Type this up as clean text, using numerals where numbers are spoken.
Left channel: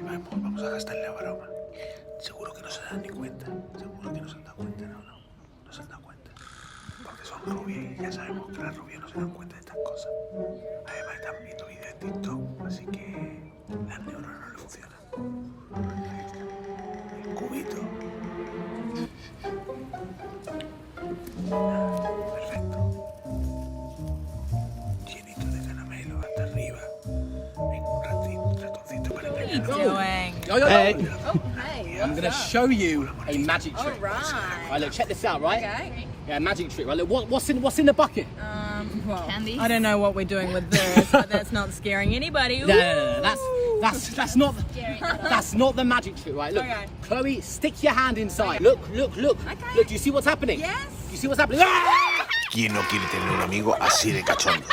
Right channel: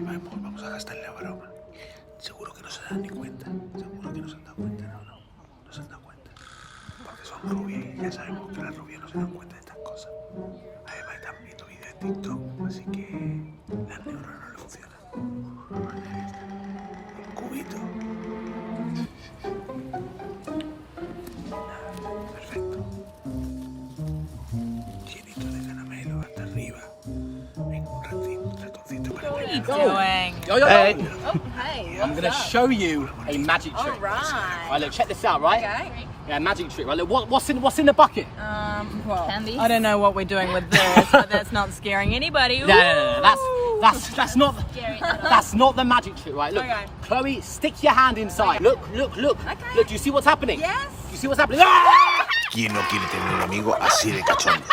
Vamos a gastar la broma. Seguro que no se dan ni cuenta. Seguro que no se han dado cuenta. No se han dado cuenta. Porque son rubias y ya sabemos que las rubias no se dan cuenta de estas cosas. Además están viendo vídeos de TikTok, así que las neuronas no le funcionan. El cubito. Perfecto. Llenito de caramelo hasta arriba. Venga, un ratoncito para engañar. Hey, I'm going to show you a magic trick. Right, look, check this out, right? Okay. Yeah, magic trick, right? Look, what's in the bucket? Well, Candy. I don't know what we're doing with this, but that's not scaring anybody. No, that's not the magic trick, right? Look, Okay. Chloe, stick your hand inside. Okay. Look. Look, do you see what's happening? Yes. Do you see what's happening? Ah! ¿Quién no quiere tener un amigo así de cachondo?